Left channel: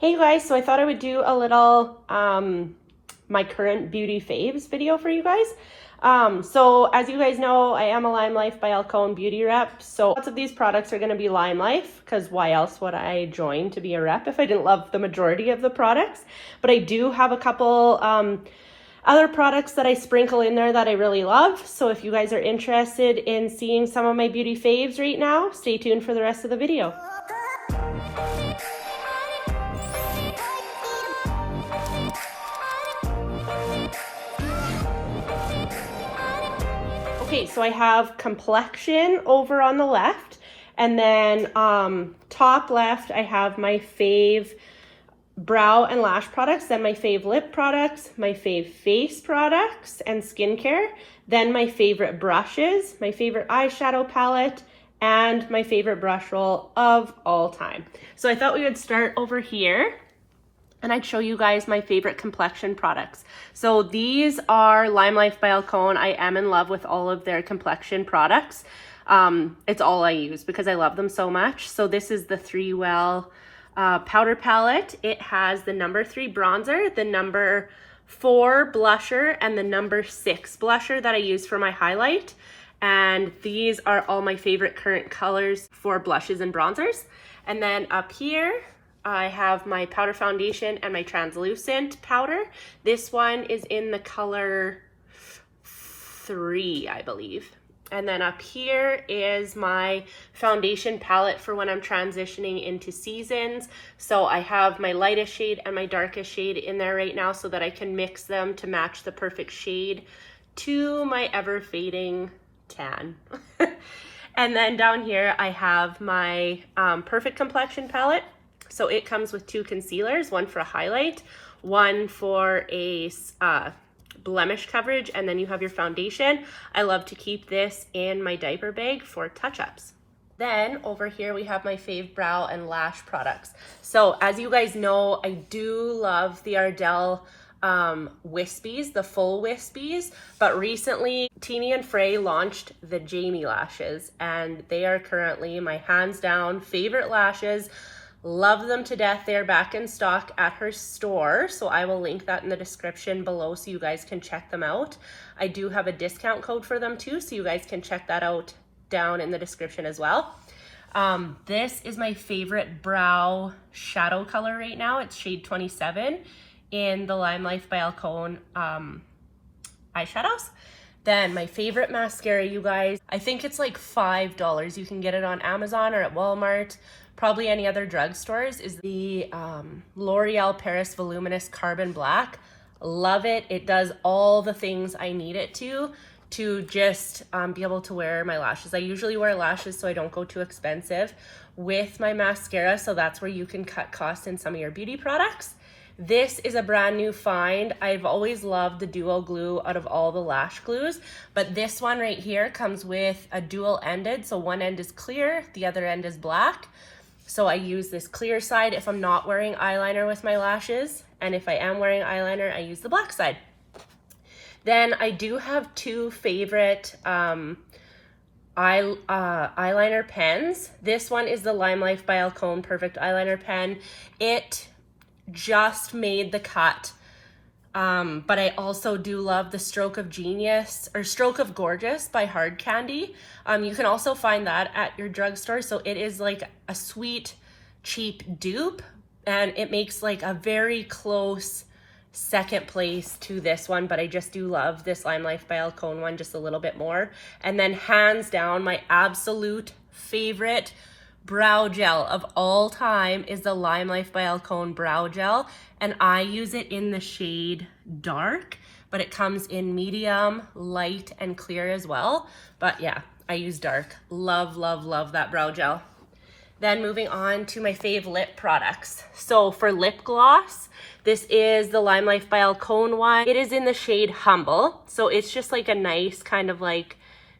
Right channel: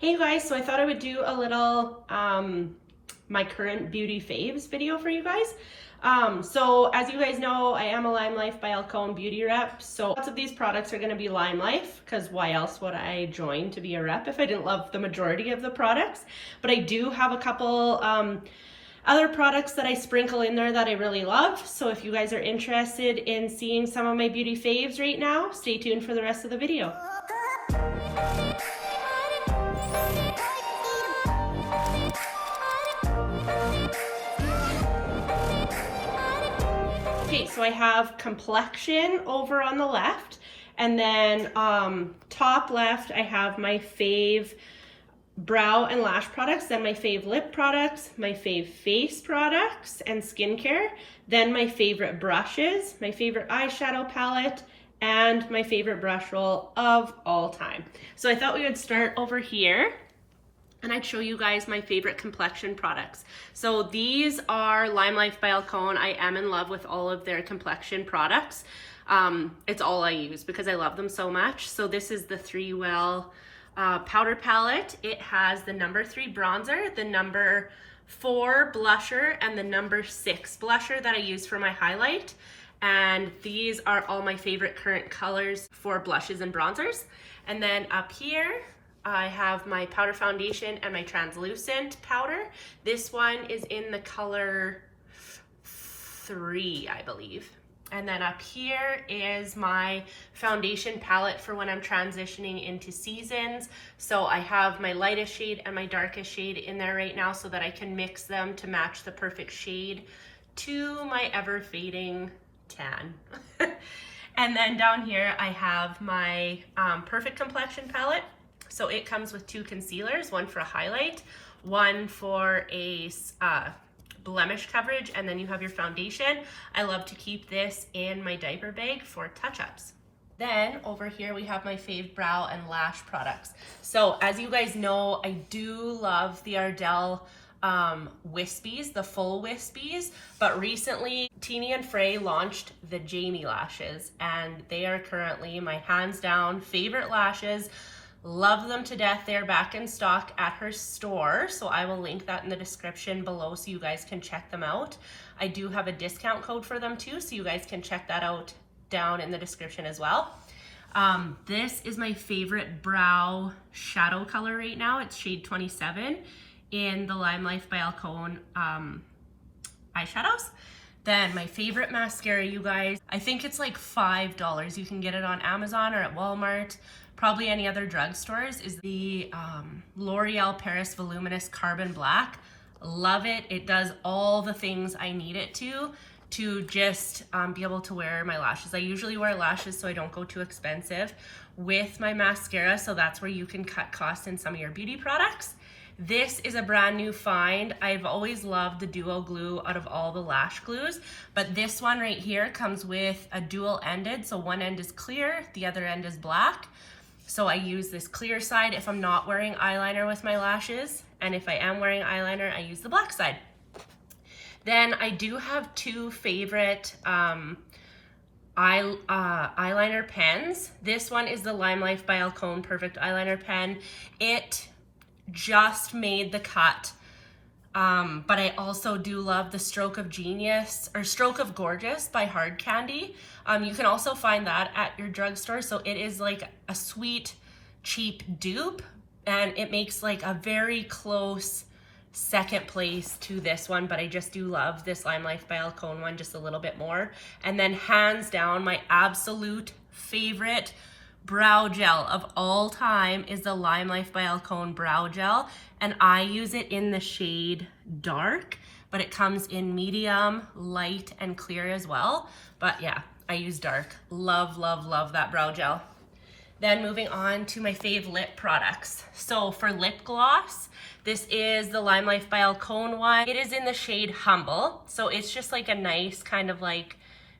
Hey guys, so I thought I would do a little my current beauty faves video for you guys. So as you guys know, I am a Limelife by Alcone beauty rep. So lots of these products are going to be Limelife because why else would I join to be a rep if I didn't love the majority of the products? But I do have a couple other products that I sprinkle in there that I really love. So if you guys are interested in seeing some of my beauty faves right now, stay tuned for the rest of the video. Okay, so I have Complexion over on the left, and then top left I have my fave brow and lash products, then my fave lip products, my fave face products and skincare, then my favorite brushes, my favorite eyeshadow palette, and my favorite brush roll of all time. So I thought we would start over here and I'd show you guys my favorite complexion products. So these are Limelife by Alcone. I am in love with all of their complexion products. It's all I use because I love them so much. So this is the 3-Well powder palette. It has the number 3 bronzer, the number 4 blusher, and the number 6 blusher that I use for my highlight. And these are all my favorite current colors for blushes and bronzers. And then up here, I have my powder foundation and my translucent powder. This one is in the color 3, I believe. And then up here is my foundation palette for when I'm transitioning into seasons. So I have my lightest shade and my darkest shade in there right now so that I can mix them to match the perfect shade to my ever fading tan. And then down here I have my Perfect Complexion palette. So it comes with 2 concealers, one for a highlight, one for a blemish coverage, and then you have your foundation. I love to keep this in my diaper bag for touch-ups. Then over here we have my fave brow and lash products. So as you guys know, I do love the Ardell wispies, the full wispies, but recently Teeny and Frey launched the Jami lashes, and they are currently my hands down favorite lashes. Love them to death. They're back in stock at her store, so I will link that in the description below so you guys can check them out. I do have a discount code for them too, so you guys can check that out down in the description as well. This is my favorite brow shadow color right now. It's shade 27 in the Limelife by Alcone eyeshadows. Then my favorite mascara, you guys, I think it's like $5. You can get it on Amazon or at Walmart, probably any other drugstores, is the L'Oreal Paris Voluminous Carbon Black. Love it. It does all the things I need it to just be able to wear my lashes. I usually wear lashes so I don't go too expensive with my mascara, so that's where you can cut costs in some of your beauty products. This is a brand new find. I've always loved the duo glue out of all the lash glues, but this one right here comes with a dual ended. So one end is clear, the other end is black. So I use this clear side if I'm not wearing eyeliner with my lashes, and if I am wearing eyeliner, I use the black side. Then I do have 2 favorite eyeliner pens. This one is the Limelife by Alcone Perfect Eyeliner Pen. It just made the cut, but I also do love the Stroke of Genius or Stroke of Gorgeous by Hard Candy. You can also find that at your drugstore. So it is like a sweet, cheap dupe, and it makes like a very close second place to this one, but I just do love this Limelife by Alcone one just a little bit more. And then hands down, my absolute favorite brow gel of all time is the Limelife by Alcone brow gel, and I use it in the shade dark, but it comes in medium, light, and clear as well. But yeah, I use dark. Love, love, love that brow gel. Then moving on to my fave lip products. So for lip gloss, this is the Limelife by Alcone one. It is in the shade Humble, so it's just like a nice kind of like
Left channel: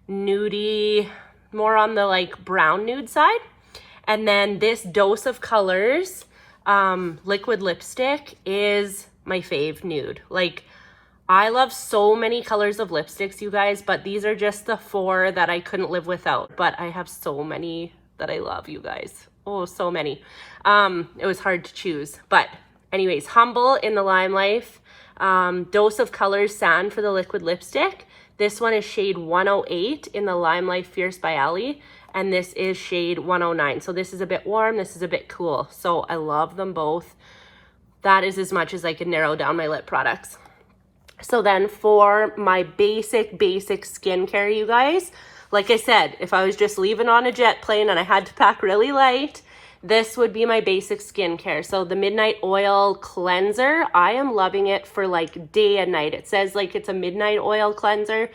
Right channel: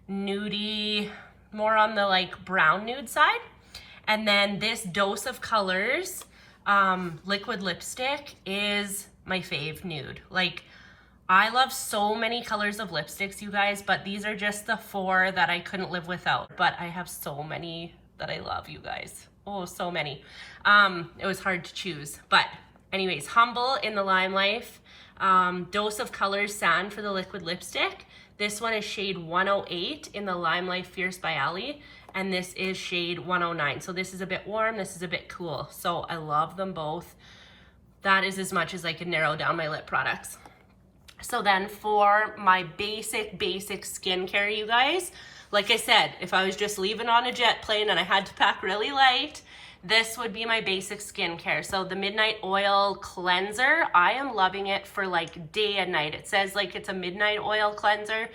nudie, more on the like brown nude side. And then this Dose of Colors liquid lipstick is my fave nude. Like, I love so many colors of lipsticks, you guys, but these are just the 4 that I couldn't live without. But I have so many that I love, you guys. Oh, so many. It was hard to choose. But anyways, Humble in the Limelife. Dose of Colors Sand for the liquid lipstick. This one is shade 108 in the Limelife Fierce by Ali. And this is shade 109. So this is a bit warm, this is a bit cool. So I love them both. That is as much as I can narrow down my lip products. So then for my basic skincare, you guys, like I said, if I was just leaving on a jet plane and I had to pack really light, this would be my basic skincare. So the Midnight Oil Cleanser, I am loving it for like day and night. It says like it's a midnight oil cleanser,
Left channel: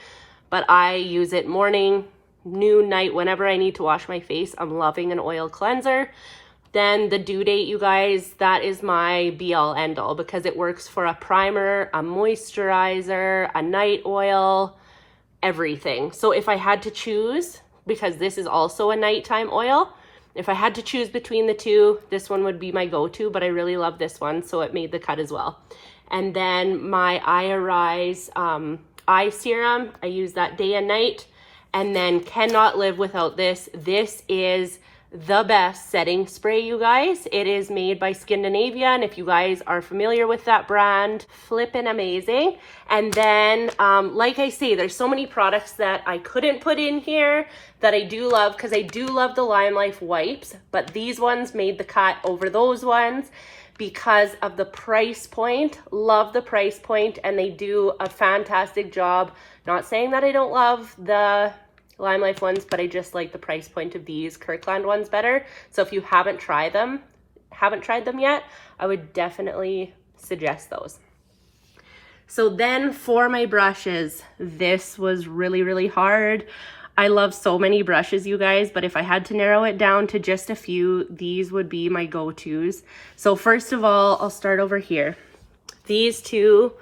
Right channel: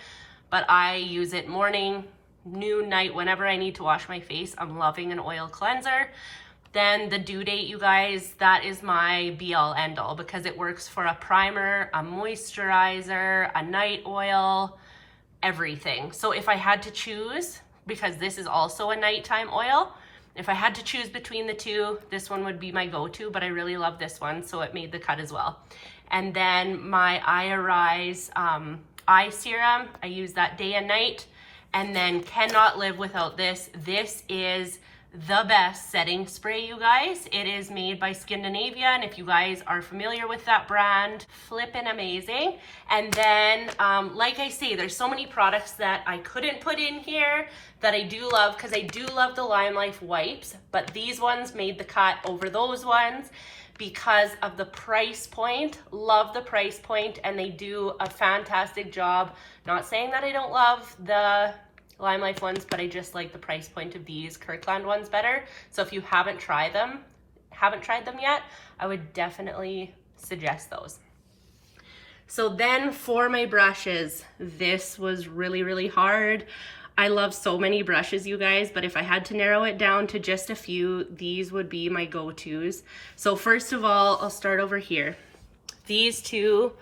but I use it morning, noon, night, whenever I need to wash my face. I'm loving an oil cleanser. Then the Due Date, you guys, that is my be-all end-all because it works for a primer, a moisturizer, a night oil, everything. So if I had to choose, because this is also a nighttime oil, if I had to choose between the two, this one would be my go-to, but I really love this one, so it made the cut as well. And then my Eye Arise eye serum, I use that day and night, and then cannot live without this. This is the best setting spray, you guys. It is made by Skindinavia, and if you guys are familiar with that brand, flippin' amazing. And then like I say, there's so many products that I couldn't put in here that I do love, because I do love the Limelife wipes, but these ones made the cut over those ones because of the price point. Love the price point, and they do a fantastic job. Not saying that I don't love the Limelife ones, but I just like the price point of these Kirkland ones better. So if you haven't tried them yet, I would definitely suggest those. So then for my brushes, this was really hard. I love so many brushes, you guys, but if I had to narrow it down to just a few, these would be my go-tos. So first of all, I'll start over here. These two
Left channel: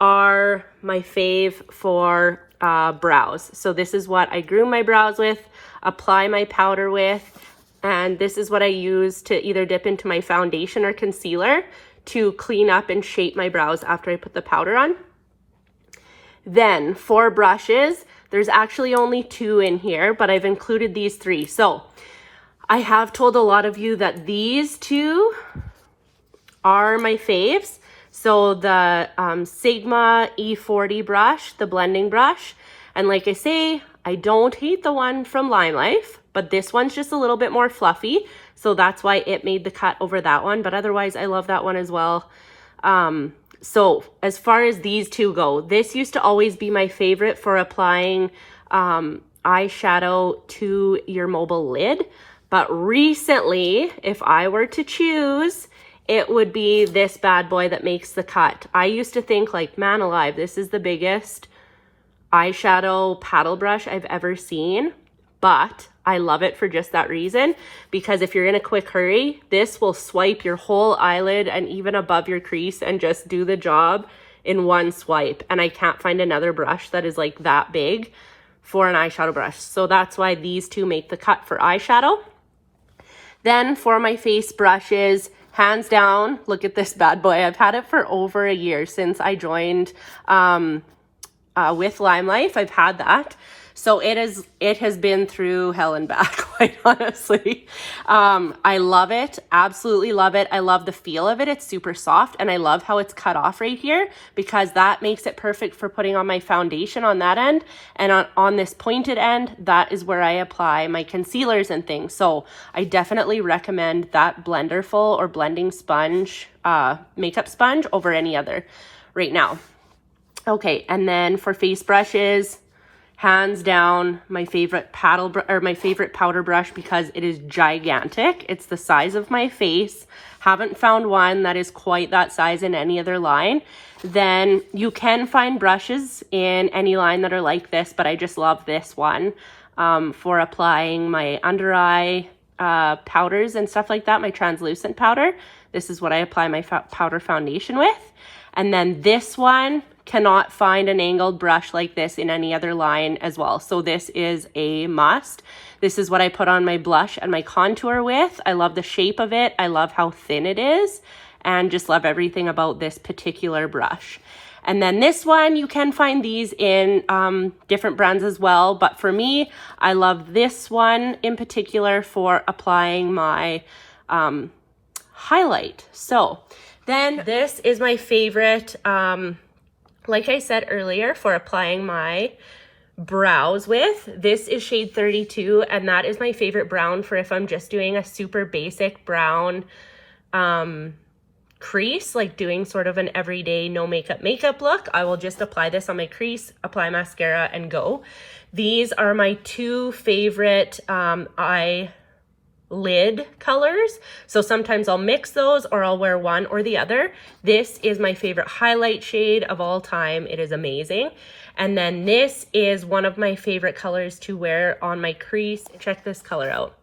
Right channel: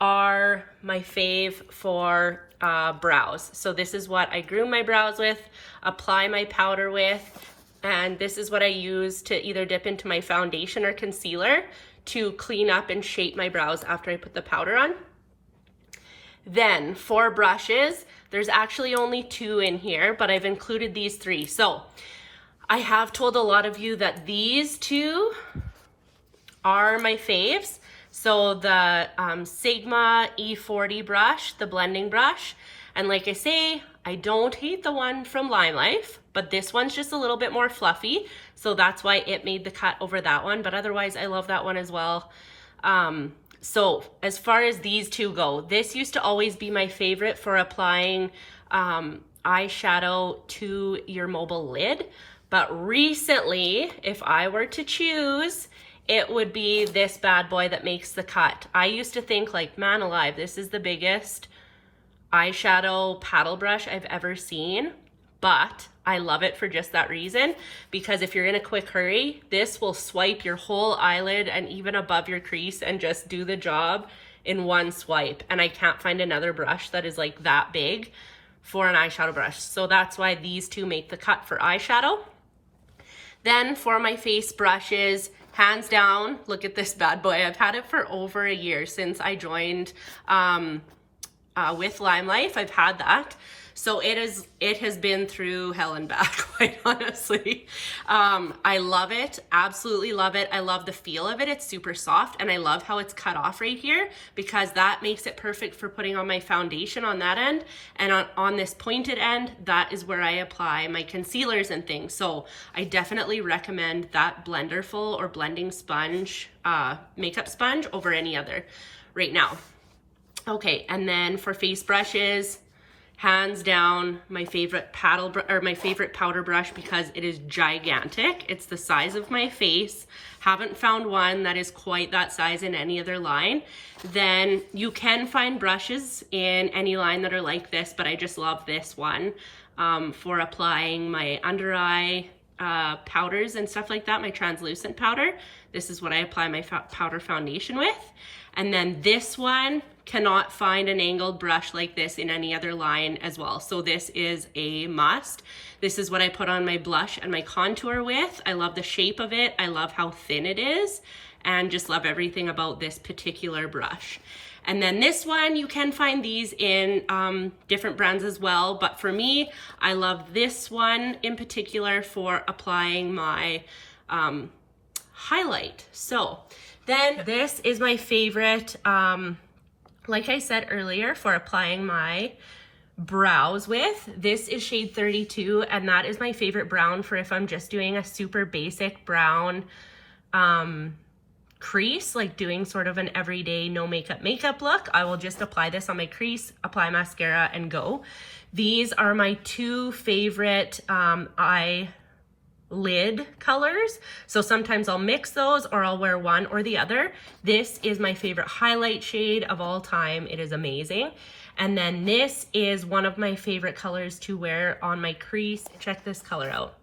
are my fave for brows. So this is what I groom my brows with, apply my powder with, and this is what I use to either dip into my foundation or concealer to clean up and shape my brows after I put the powder on. Then for brushes, there's actually only two in here, but I've included these three. So I have told a lot of you that these two are my faves. So the Sigma E40 brush, the blending brush. And like I say, I don't hate the one from Limelife, but this one's just a little bit more fluffy. So that's why it made the cut over that one. But otherwise, I love that one as well. So as far as these two go, this used to always be my favorite for applying eyeshadow to your mobile lid. But recently, if I were to choose, it would be this bad boy that makes the cut. I used to think like, man alive, this is the biggest eyeshadow paddle brush I've ever seen, but I love it for just that reason, because if you're in a quick hurry, this will swipe your whole eyelid and even above your crease and just do the job in one swipe. And I can't find another brush that is like that big for an eyeshadow brush. So that's why these two make the cut for eyeshadow. Then for my face brushes, hands down, look at this bad boy. I've had it for over a year since I joined with Limelife. I've had that. So it has been through hell and back, quite honestly. I love it, absolutely love it. I love the feel of it. It's super soft, and I love how it's cut off right here, because that makes it perfect for putting on my foundation on that end. And on this pointed end, that is where I apply my concealers and things. So I definitely recommend that Blenderful or blending sponge, makeup sponge over any other right now. Okay, and then for face brushes, hands down, my favorite powder brush, because it is gigantic. It's the size of my face. Haven't found one that is quite that size in any other line. Then you can find brushes in any line that are like this, but I just love this one for applying my under eye powders and stuff like that, my translucent powder. This is what I apply my powder foundation with. And then this one, cannot find an angled brush like this in any other line as well. So this is a must. This is what I put on my blush and my contour with. I love the shape of it. I love how thin it is. and just love everything about this particular brush. And then this one, you can find these in different brands as well, but for me, I love this one in particular for applying my highlight. So then this is my favorite, like I said earlier, for applying my brows with. This is shade 32, and that is my favorite brown for if I'm just doing a super basic brown crease, like doing sort of an everyday no makeup look. I will just apply this on my crease, apply mascara, and go. These are my two favorite eyelid colors. So sometimes I'll mix those, or I'll wear one or the other. This is my favorite highlight shade of all time. It is amazing. And then this is one of my favorite colors to wear on my crease. Check this color out.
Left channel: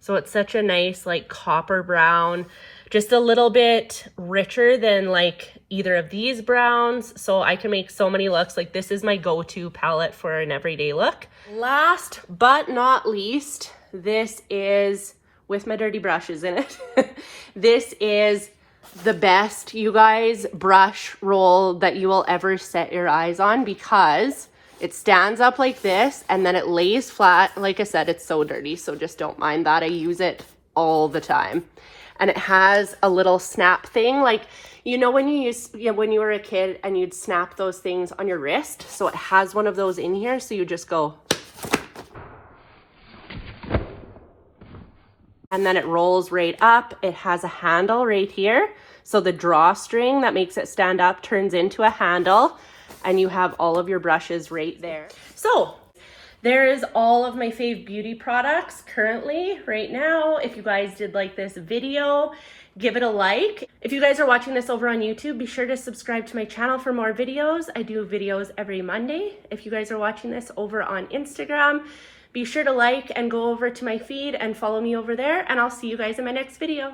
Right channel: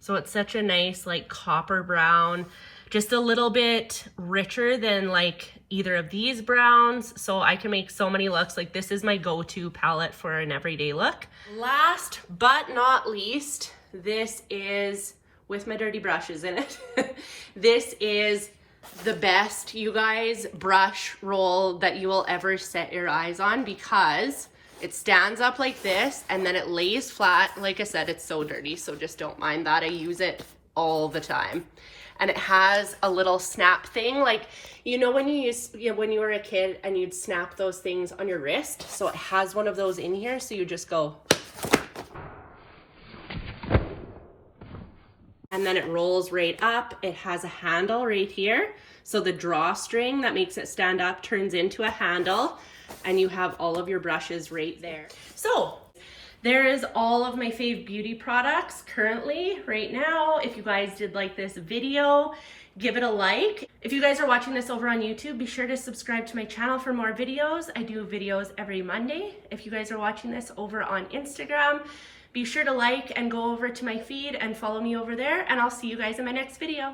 So it's such a nice like copper brown, just a little bit richer than like either of these browns. So I can make so many looks. Like this is my go-to palette for an everyday look. Last but not least, this is with my dirty brushes in it. This is the best, you guys, brush roll that you will ever set your eyes on, because it stands up like this and then it lays flat. Like I said, it's so dirty, so just don't mind that. I use it all the time. And it has a little snap thing, like, you know, when when you were a kid and you'd snap those things on your wrist. So it has one of those in here, so you just go, and then it rolls right up. It has a handle right here. So the drawstring that makes it stand up turns into a handle, and you have all of your brushes right there. So there is all of my fave beauty products currently right now. If you guys did like this video, give it a like. If you guys are watching this over on YouTube, be sure to subscribe to my channel for more videos. I do videos every Monday. If you guys are watching this over on Instagram, be sure to like and go over to my feed and follow me over there, and I'll see you guys in my next video.